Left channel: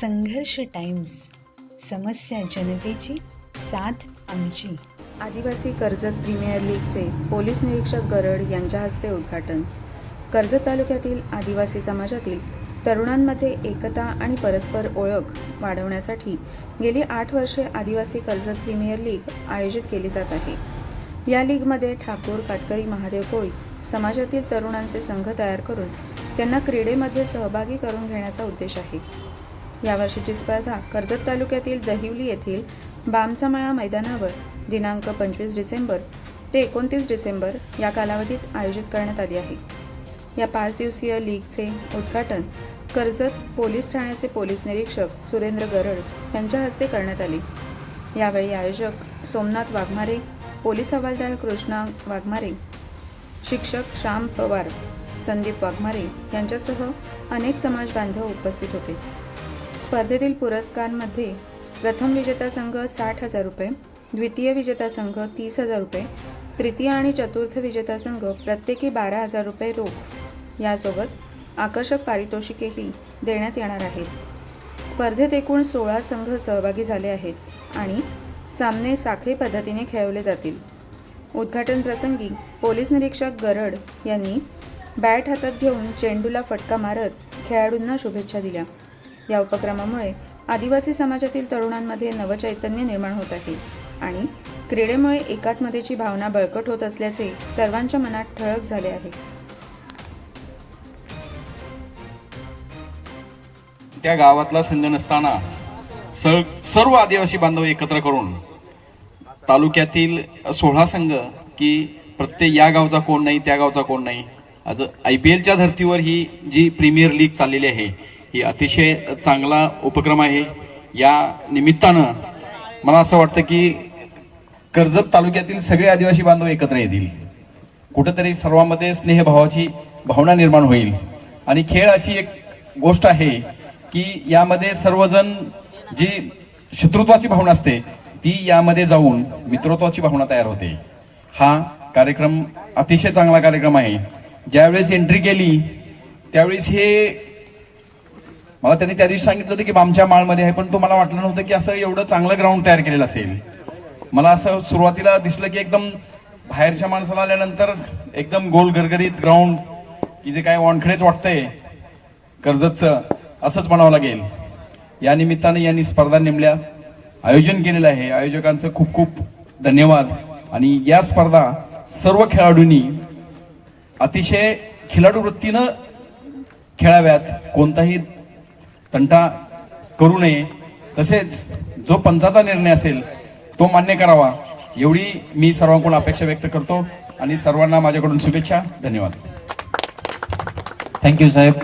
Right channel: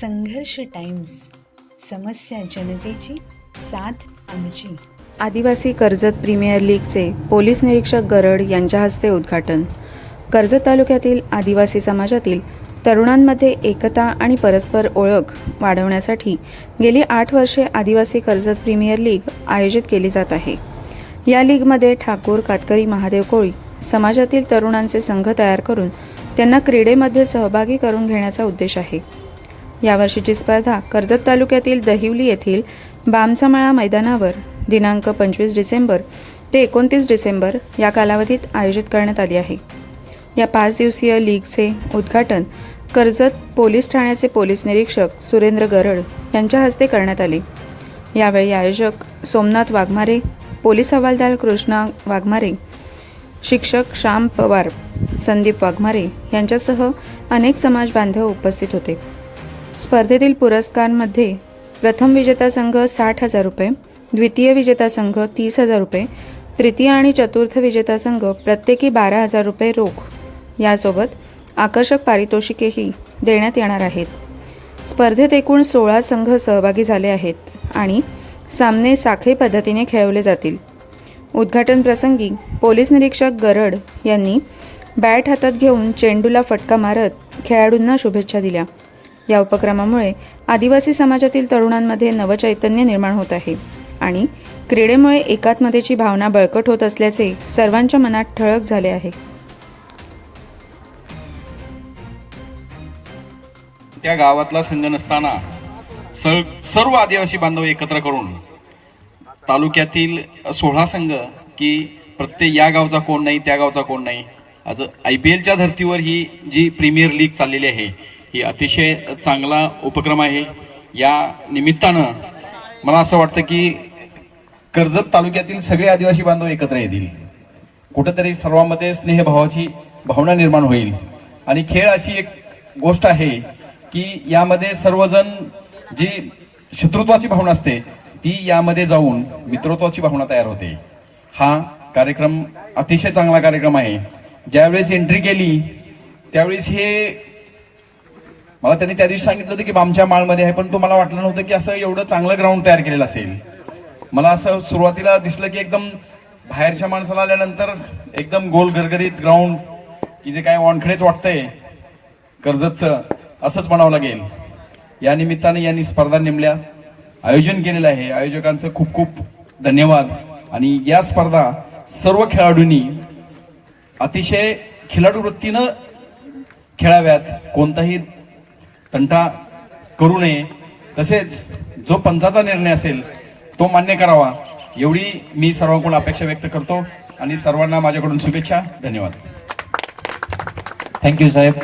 संघर्ष टाइम्स समस्या जनतेची साथ आमची. आदिवासी कर्जत प्रीमियर लीगचे पोलीस निरीक्षक गरड यांच्या हस्ते उद्घाटन. कर्जत तालुक्यातील आदिवासी समाजातील तरुणांमध्ये एकता आणि परस्पर ओळख वाढवण्यासाठी गेली आठ वर्षे आदिवासी कर्जत प्रीमियर लीग आयोजित केली जात आहे. या लीगमध्ये ठाकूर कातकरी महादेव कोळी समाजातील तरुणांचे संघ तयार करून त्यांना क्रीडेमध्ये सहभागी करून घेण्याचा उद्देश आहे. यावर्षीची स्पर्धा कर्जत तालुक्यातील दहिवली येथील बामचामाळा मैदानावर दिनांक पंचवीस डिसेंबर ते एकोणतीस डिसेंबर या कालावधीत आयोजित करण्यात आली आहे. या पाच दिवसीय लीगचे उद्घाटन कर्जत पोलीस ठाण्याचे पोलीस निरीक्षक सुरेंद्र गरड यांच्या हस्ते करण्यात आले. यावेळी आयोजक सोमनाथ वाघमारे पोलीस हवालदार कृष्णा वाघमारे शिक्षक श्याम पवार संदीप वाघमारे यांच्यासह अनेक समाज बांधव उपस्थित होते. स्पर्धेतील पुरस्कारांमध्ये प्रथम विजेता संघ साठ हजार रुपये द्वितीय विजेता संघ तीस हजार रुपये तृतीय आणि चतुर्थ विजेता संघ प्रत्येकी बारा हजार रुपये रोख. यासोबत आकर्षक पारितोषिकेही देण्यात येणार आहेत. स्पर्धेत एकूण सोळा संघ सहभागी झाले आहेत आणि सामने साखळी पद्धतीने खेळवले जातील. उद्घाटन प्रसंगी पोलीस निरीक्षक गरड यांनी बॅट हातात घेऊन चेंडूला फटका मारत खेळाडूंना शुभेच्छा दिल्या. या उपक्रमामुळे आदिवासी समाजातील तरुणांमध्ये नवचैतन्य निर्माण होत आहे. आणि क्रीडेमुळे एकात्मतेची भावना बळकट होत असल्याचे सर्वांच्या मनात ठळक झाले आहे. त्या गावातला संघ नसताना सर्व आदिवासी बांधव एकत्र करून तालुक्यातील सोळा संघ की प्रत्येक या गावचा कोण नाही त्या गावचा कोण नाही आज आय पी एलच्या धर्तीवर ही जी प्रीमियर लीग चाललेली आहे ही अतिशय चांगला उपक्रम आहे. या निमित्तानं मला असं वाटतं की कर्जत तालुक्यातील सगळे आदिवासी बांधव एकत्र येतील. कुठंतरी सर्वांमध्ये स्नेहभावाची भावना निर्माण होईल. आणि खेळ अशी एक गोष्ट आहे की यामध्ये सर्वजण जी शत्रुत्वाची भावना असते ती यामध्ये जाऊन मित्रत्वाची भावना तयार होते. हा कार्यक्रम अतिशय चांगला कार्यक्रम आहे. ज्यावेळेस एंट्री केली त्यावेळेस हे मला त्यांनी त्या दिवशी सांगितलं होतं की बामच्या माळमध्ये आहे पण तो मला वाटलं नव्हतं की असं एवढं चांगलं ग्राउंड तयार केलेलं असेल. मला असं सुरुवातीला दिसलं की एकदम बाहेरच्या माणसाला आल्यानंतर एकदम गोल गरगरीत ग्राउंड की जे काय वानखडेच वाटतंय कर्जतचं असंच म्हणावं लागेल. या निमित्ताने यांनी स्पर्धा नेमल्या. आयोजन केलेलं आहे. आयोजकांचं खूप खूप धन्यवाद. आणि या स्पर्धा सर्व खेळाडूंनी अतिशय खिलाडू वृत्तीनं खेळाव्यात. कोणताही तंटा करू नये. तसेच जो पंचाचा निर्णय असेल तो मान्य करावा. एवढी मी सर्वांकडून अपेक्षा व्यक्त करतो आणि सर्वांना माझ्याकडून शुभेच्छा. धन्यवाद. थँक्यू साहेब.